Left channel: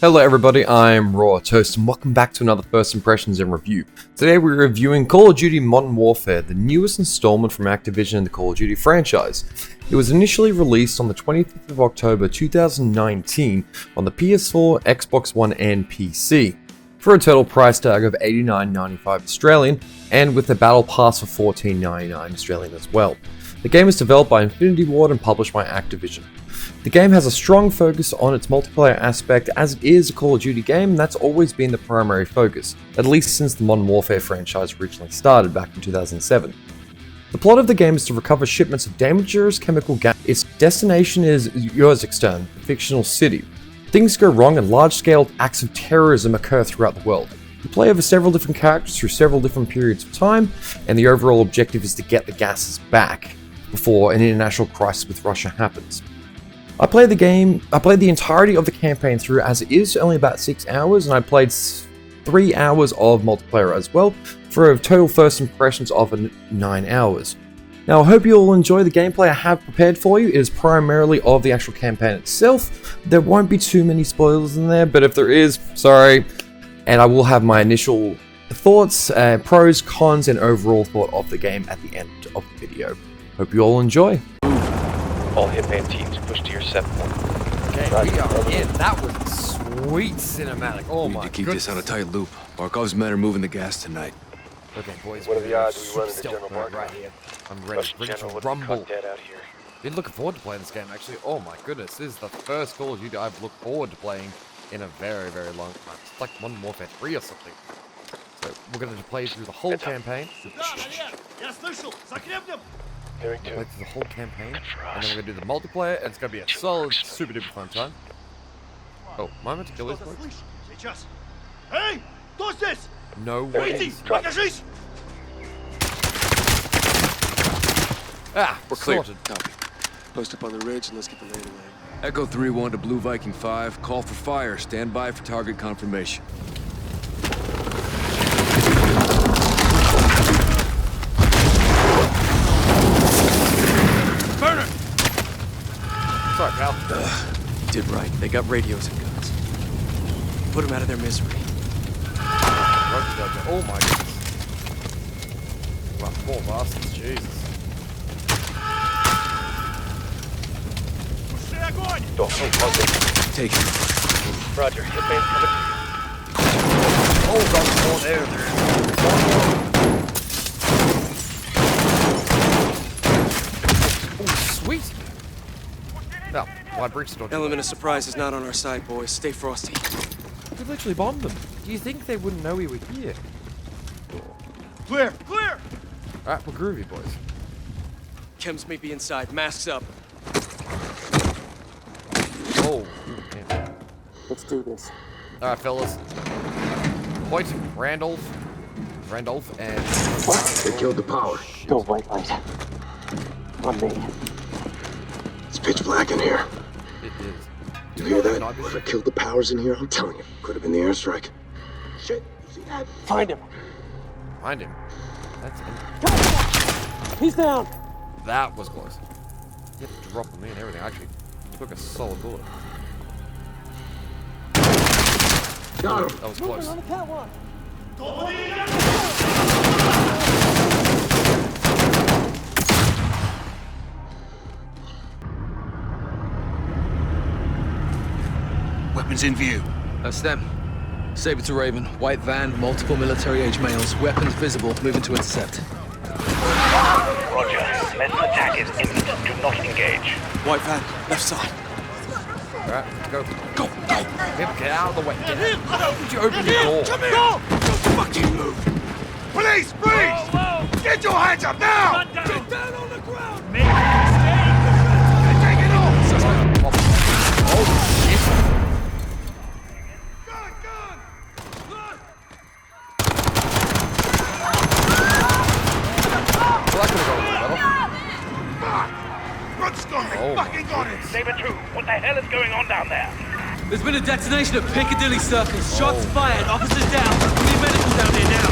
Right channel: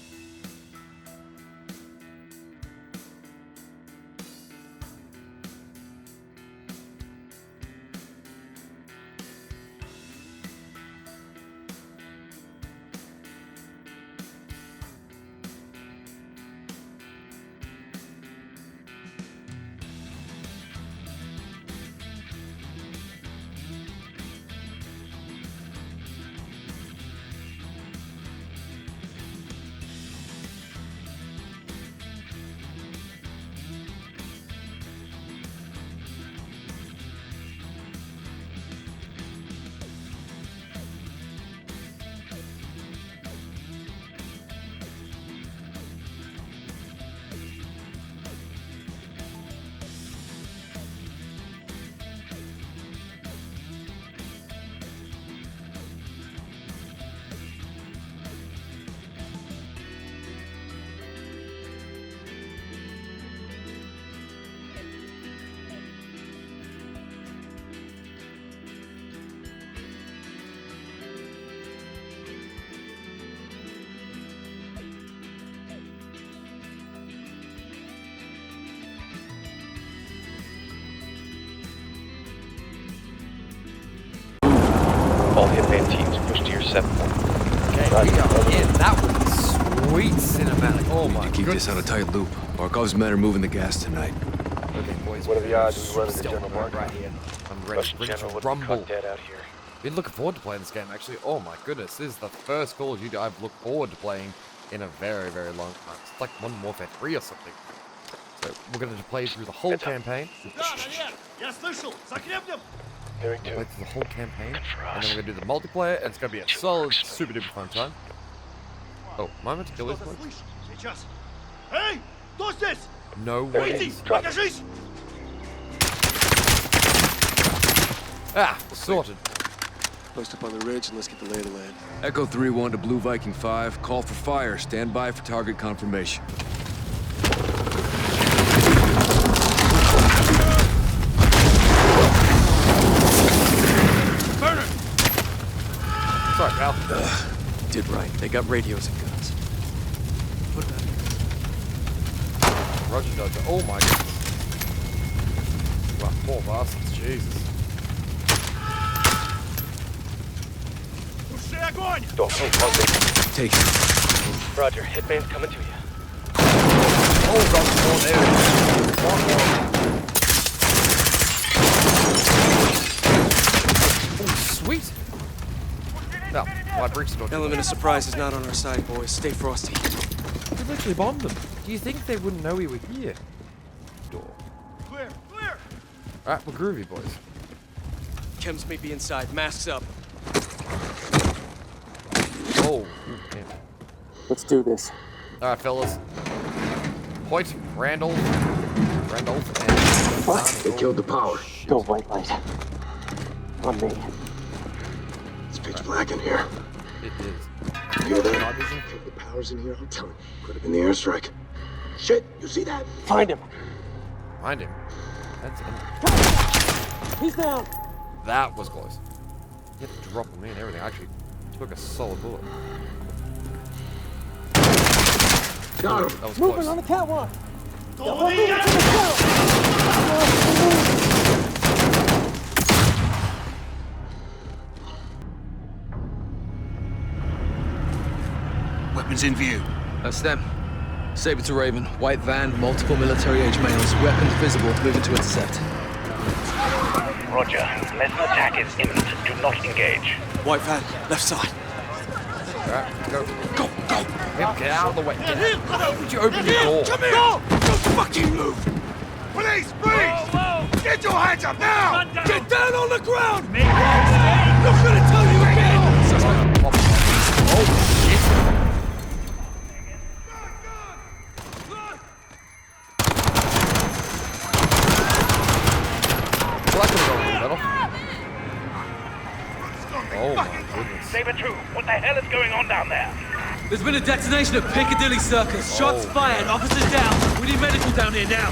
Hello everybody, I'm Raw Toast and welcome back to another First Impressions and Review. Today we're reviewing Call of Duty Modern Warfare, the newest installment from Activision in the Call of Duty franchise. It was initially released on the 25th of October 2019 on the PS4, Xbox One and PC, for a total price tag of $89.95 Australian, and with the Battle Pass for $14.99 Australian as well. The game is developed by Infinity Ward and published by Activision. The game has a strong focus on its multiplayer aspect, as it is a Call of Duty game, and that's always been the primary focus, at least since the Modern Warfare franchise originally started back in 2007. The plot of the game is to recover shipments of dangerous chemical gas. Its destination is Uzbekistan, a fictional city. Things go wrong and large-scale acts of terrorism occur throughout the world. You play over several different characters through several different periods of time, and the overall objective is to get the gases back before an international crisis with Russia happens. I played the entirety of the campaign through, as it is only about 6 hours, and I played 3 hours of multiplayer as well, for a total first impressions of 9 hours. Now I hope you all enjoy the gameplay I have prepared for you. It is primarily of the actual campaign itself. There won't be too many spoilers in there, but if there is, sorry. And I will have my initial thoughts, pros, cons, and overall thought of the game at the end of the video. Hope you all enjoy. All hitman teams push to your set point. Okay, we are in. That was sweet cinematic. Oh my god. Keep this on a tight loop. Barkov's men are moving the gas tonight. Okay, boys. What are the odds we run into General Mark right here? I'm ready. Russian Ready general to would rumble. cut dead out here. Been looking forward to playing this game actually. Oh my goodness, this is the first Call of Duty I've looked forward to playing in a very, very long time. It's like Modern Warfare 3 or something. So we're going to play through the whole campaign. Hearing Play two. through the whole campaign, Good for and us. then we're gonna do the multiplayer, and it's gonna be a solid, super duper fun time. Oh, am I meant to kill this boy? Сейчас. Эй, кто здесь? No Выйди, way. покажись! Ah, We're clear. sorted. Post up on the ridge and let's get the lay of the land. Echo 3-1 to Blue Viking 5. Call for fire. Stand by for target confirmation. Burner! Sorry, pal. Did right. They got radios and guns. Put them out of their misery. Roger, Dodger. Oh my goodness. Wow, poor bastards, Jesus. Туши огонь! Go. Oh, Take it. Roger, hitman's coming to you. Oh, God, more there. Oh, sweet. Now, why breaks the door? Element of surprise is not on our side, boys. Stay frosty. We literally bombed them. Do you think they wouldn't know we were here? Door. Clear, clear! Alright, we're groovy, boys. Chems may be inside. Masks up. Oh, damn. Let's do this. Alright, fellas. Hoyt, Randolph, and... What? They killed the power. Go white light. On me. It's pitch black in here. It is. You hear that? They killed the powers in here. I'm telling you. Could have been the airstrike. Shit, you see that? Find him. Find him. That's He's down. That was close. You had to drop on me and everything. I actually took a solid bullet. Got him. That was Moving close. on the catwalk. Weapons in view. That's them. Saber to Raven. White van, multiple military-age males. Weapons visible. Moving to intercept. Roger. Unless an attack is imminent, do not engage. White van. Left side. Alright, go. Go, go. Get out of the way. Get out. How did you open your door? Come here! Don't fucking move! Police, freeze! Get your hands up now! Get down on the ground! Make Oh, shit. Well, that could have gone a little better. Oh my goodness. Saber 2, what the hell is going on down there? There's been a detonation at Piccadilly Circus. Shots Oh. fired. Officers down. We need medical down here now.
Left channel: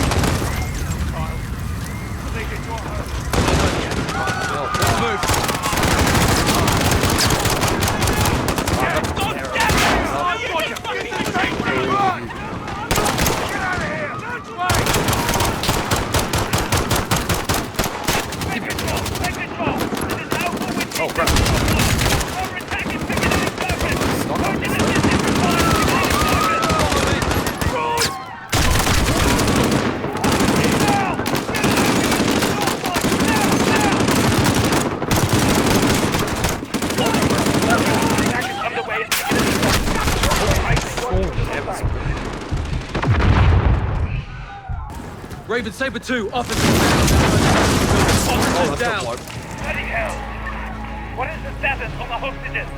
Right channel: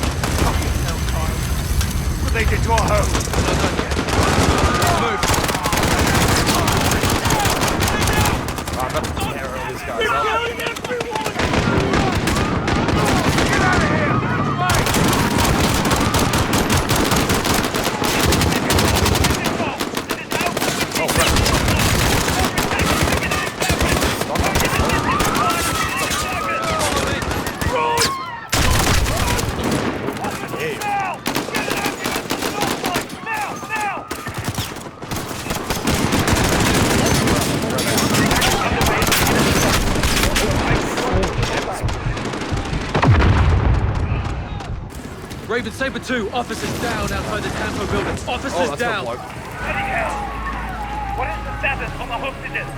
What they did to our home? Move. Oh, that's terrible. Raven Saber 2, officers down outside the Campo building. Oh, Officers that's down. not bloke. Bloody hell! What is the status on the hostages?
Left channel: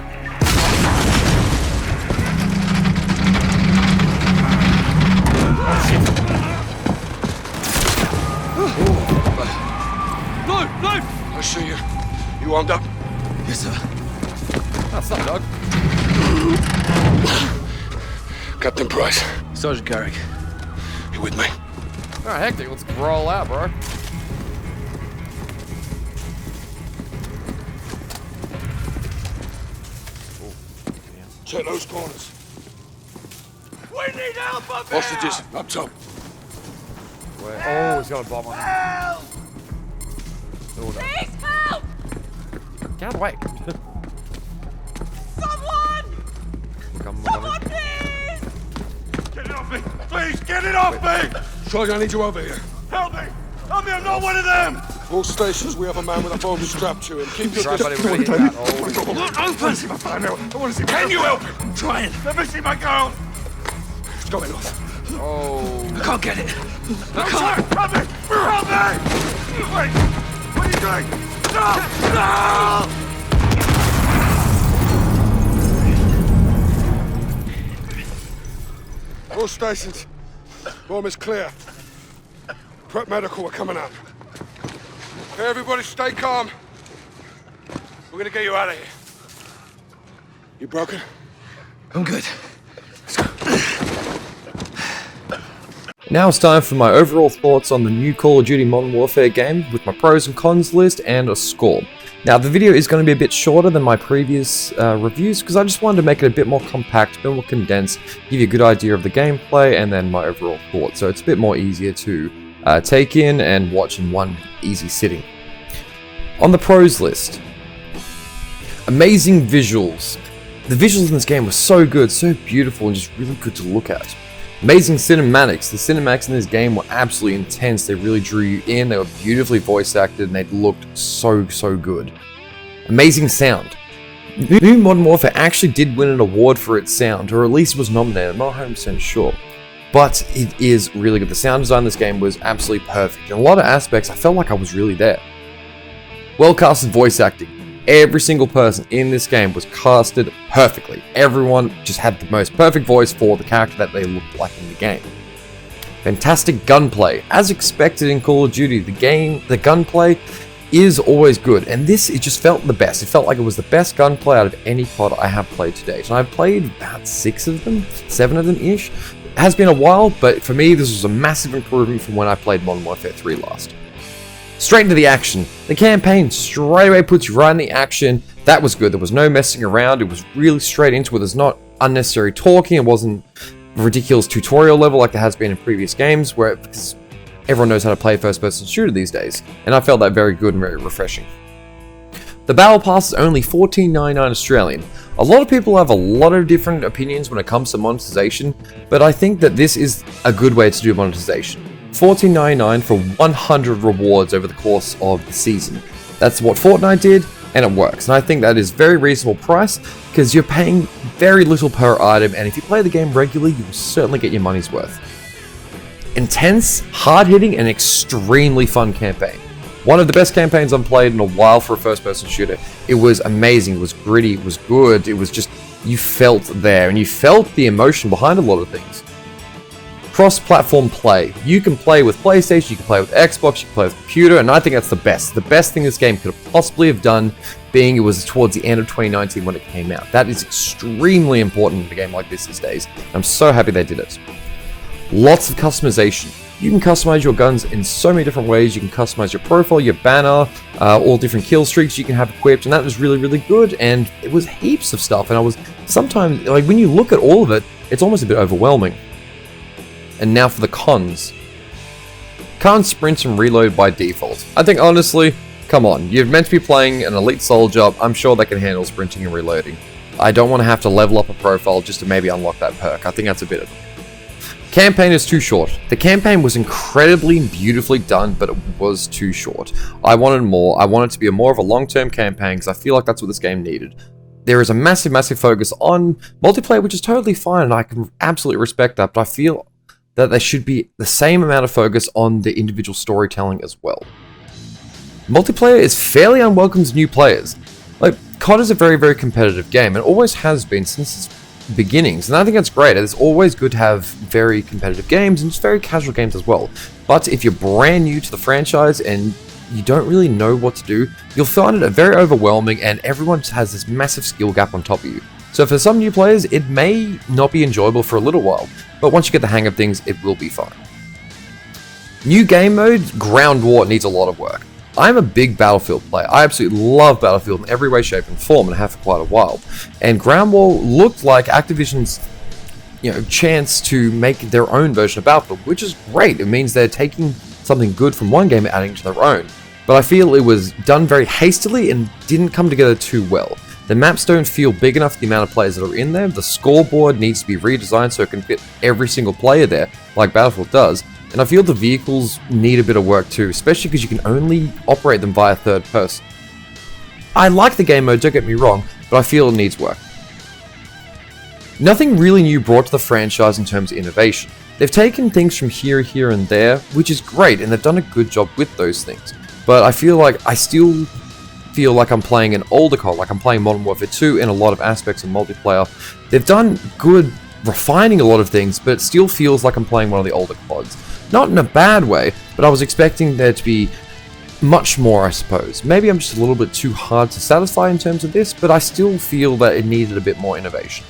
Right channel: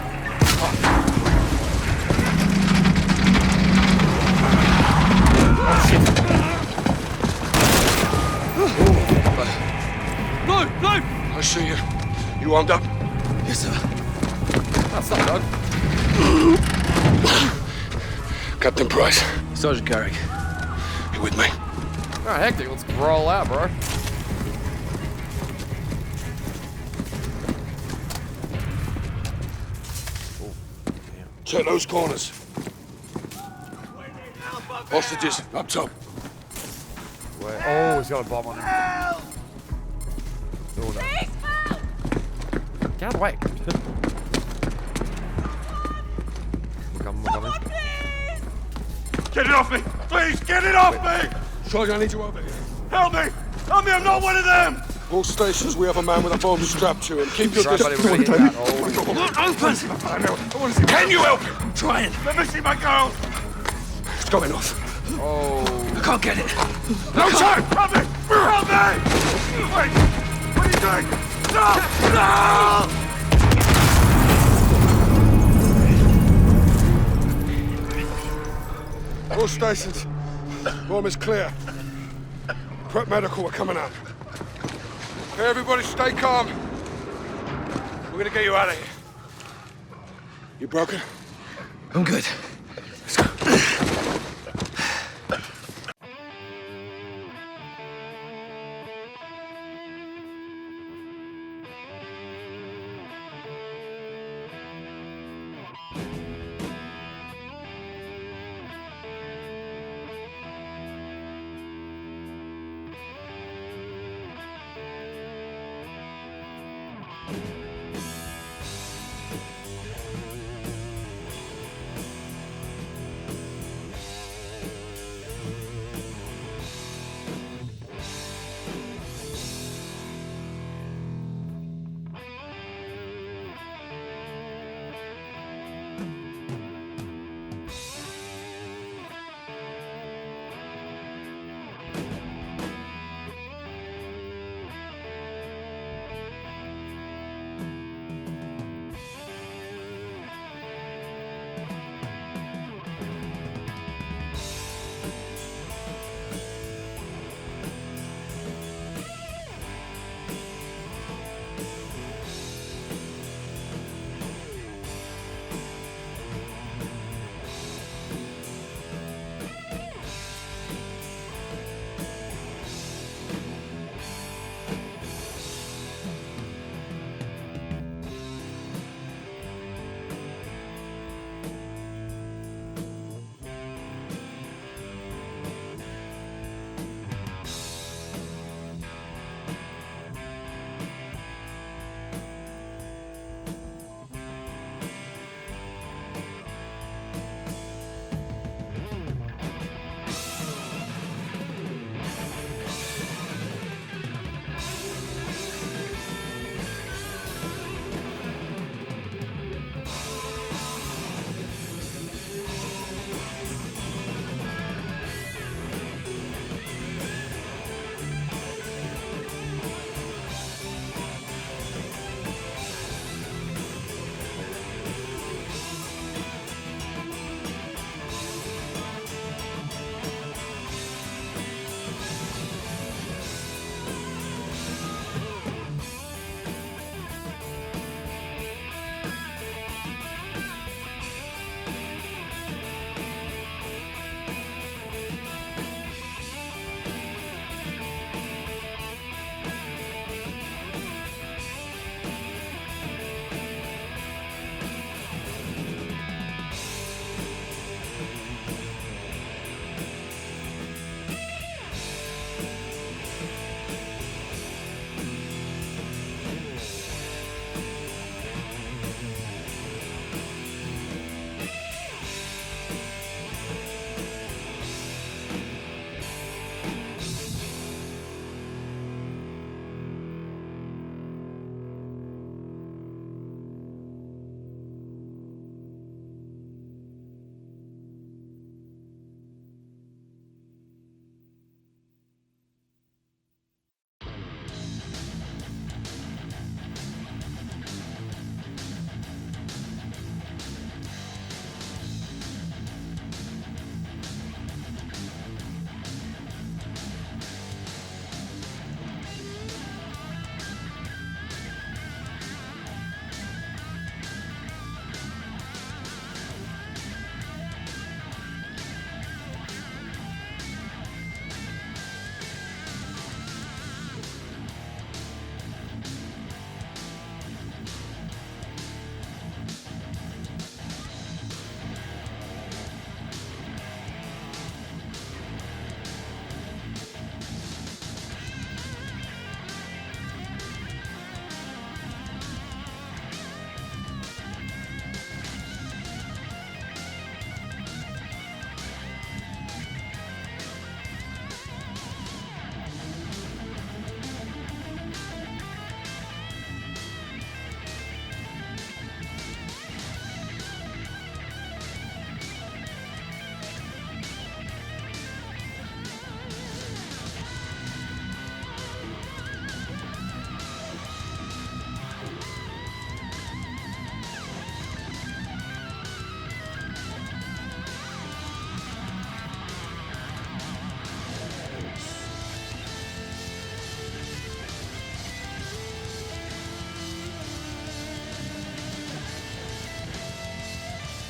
No, no! I see you. You armed up? Yes, sir. That's not Doug. Captain Price, Sergeant Carrick. you with me? Alright, hectic. Let's roll out, bro. Check those corners. We need help up Hostages, up top. Where? Oh, he's got a bomb on him. Help! Oh, no. Please help! Get out of the way. Someone! We're coming. Please! Get it off me! Please, get it off me! Charlie, I need you over here. Help me! Help me, I'm not one of them! All stations, we have a man with a bomb strapped to him. Keep your Right, buddy, we're gonna hit that. Oh, Not open! I want to see. Can you help him? I'm trying. Let me see my girl. It's going off. oh. I can't get it. No time! Help me! Help me! Wait! What are you doing? No! No! All stations. Bomb is clear. Prep medical, we're coming up. Okay, everybody stay calm. We're gonna get you out of here. You broken? I'm good. Now it's time for my overall thoughts on the new Call of Duty Modern Warfare game with my pros and cons list and a score. Now the video is going to be a bit shorter than my previous reviews because I just wanted to make it a bit more compact, a bit more condensed, give you a good idea of the gameplay and then my overall thoughts. So it's a bit more easier to take in and watch in one easy sitting. On the pros list, amazing visuals. The visuals in this game were so good, so beautiful and just really good to look at. Amazing cinematics. The cinematics in this game were absolutely intense. They really drew you in. They were beautifully voice acted and they looked so good. Amazing sound. New Modern Warfare actually did win an award for its sound, or at least was nominated. I'm not 100% sure. But it is really good. The sound design in this game was absolutely perfect. In a lot of aspects, I felt like I was really there. Well casted voice acting. Every single person in this game was casted perfectly. Everyone just had the most perfect voice for the character that they looked like in the game. Fantastic gunplay. As expected in Call of Duty, the gunplay is always good, and this, it just felt the best. It felt like it was the best gunplay out of any COD I have played to date. And I've played about 6 of them, 7 of them ish. It has been a while, but for me this was a massive improvement from when I played Modern Warfare 3 last. Straight into the action. The campaign straight away puts you right in the action. That was good. There was no messing around. It was really straight into it. There's not unnecessary talking. It wasn't ridiculous tutorial level like there has been in previous games where everyone knows how to play first-person shooter these days. And I felt that very good and very refreshing. The Battle Pass is only $14.99 Australian. A lot of people have a lot of different opinions when it comes to monetization, but I think that this is a good way to do monetization. $14.99 for 100 rewards over the course of the season. That's what Fortnite did, and it works. And I think that is a very reasonable price because you're paying very little per item, and if you play the game regularly, you will certainly get your money's worth. Intense, hard-hitting, and extremely fun campaign. One of the best campaigns I've played in a while for a first-person shooter. It was amazing, it was gritty, it was good, it was just, you felt there, and you felt the emotion behind a lot of things. Cross-platform play. You can play with PlayStation, you can play with Xbox, you can play with computer, and I think that's the best. The best thing this game could have possibly have done, being it was towards the end of 2019 when it came out. That is extremely important in a game like this these days. I'm so happy they did it. Lots of customization. You can customize your guns in so many different ways. You can customize your profile, your banner, all different kill streaks you can have equipped, and that was really good, and it was heaps of stuff, and I was sometimes, like, when you look at all of it, it's almost a bit overwhelming. And now for the cons. Can't sprint and reload by default. I think honestly, come on, you're meant to be playing an elite soldier, I'm sure they can handle sprinting and reloading. I don't want to have to level up a profile just to maybe unlock that perk. I think that's a bit of... Campaign is too short. The campaign was incredibly beautifully done, but it was too short. I wanted more. I wanted it to be more of a long-term campaign because I feel like that's what this game needed. There is a massive focus on multiplayer, which is totally fine, and I can absolutely respect that, but I feel that there should be the same amount of focus on the individual storytelling as well. Multiplayer is fairly unwelcome to new players. Like, COD is a very, very competitive game, and always has been since its beginnings, and I think that's great. It's always good to have very competitive games, and just very casual games as well. But if you're brand new to the franchise, and you don't really know what to do, you'll find it very overwhelming, and everyone has this massive skill gap on top of you. So for some new players, it may not be enjoyable for a little while, but once you get the hang of things, it will be fun. New game mode, Ground War, needs a lot of work. I'm a big Battlefield player. I absolutely love Battlefield in every way, shape, and form, and have for quite a while. And Ground War looked like Activision's, chance to make their own version of Battlefield, which is great. It means they're taking something good from one game and adding to their own. But I feel it was done very hastily and didn't come together too well. The maps don't feel big enough for the amount of players that are in there. The scoreboard needs to be redesigned so it can fit every single player there, like Battlefield does. And I feel the vehicles need a bit of work too, especially because you can only operate them via third person. I like the game mode, don't get me wrong, but I feel it needs work. Nothing really new brought to the franchise in terms of innovation. They've taken things from here, and there, which is great, and they've done a good job with those things. But I still feel like I'm playing an older COD, like I'm playing Modern Warfare 2 in a lot of aspects of multiplayer. They've done good refining a lot of things, but it still feels like I'm playing one of the older CODs. Not in a bad way, but I was expecting there to be much more, I suppose. Maybe I'm just a little bit too hard to satisfy in terms of this, but I still feel that it needed a bit more innovation.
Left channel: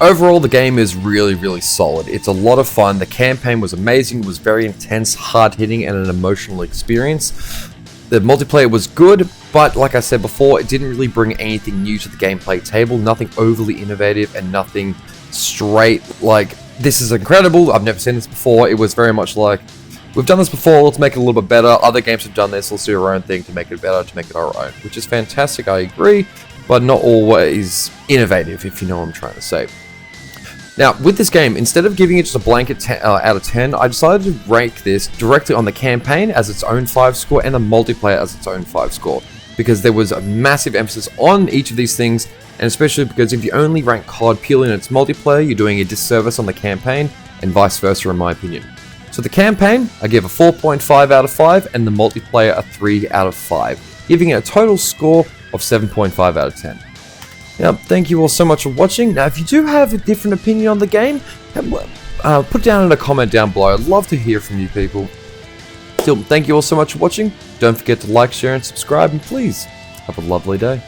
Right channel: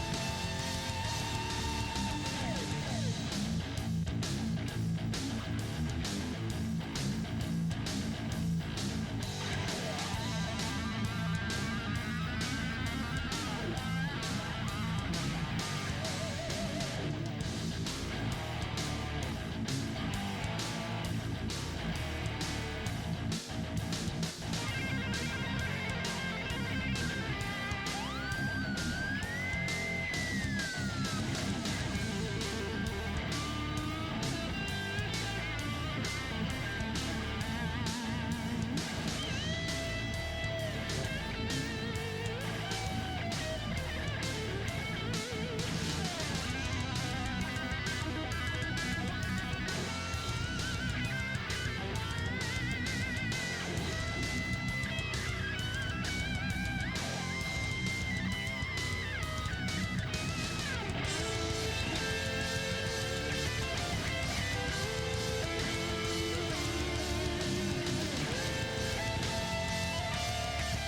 Overall, the game is really, really solid. It's a lot of fun. The campaign was amazing, was very intense, hard-hitting, and an emotional experience. The multiplayer was good, but like I said before, it didn't really bring anything new to the gameplay table, nothing overly innovative, and nothing straight like, this is incredible, I've never seen this before. It was very much like, we've done this before, let's make it a little bit better. Other games have done this, let's do our own thing to make it better, to make it our own. Which is fantastic, I agree, but not always innovative, if you know what I'm trying to say. Now, with this game, instead of giving it just a blanket out of 10, I decided to rank this directly on the campaign as its own 5 score and the multiplayer as its own 5 score. Because there was a massive emphasis on each of these things, and especially because if you only rank COD purely in its multiplayer, you're doing a disservice on the campaign, and vice versa in my opinion. So the campaign, I give a 4.5 out of 5, and the multiplayer a 3 out of 5, giving it a total score of 7.5 out of 10. Now, thank you all so much for watching. Now, if you do have a different opinion on the game, put down in a comment down below. I'd love to hear from you people. Still, thank you all so much for watching. Don't forget to like, share, and subscribe, and please, have a lovely day.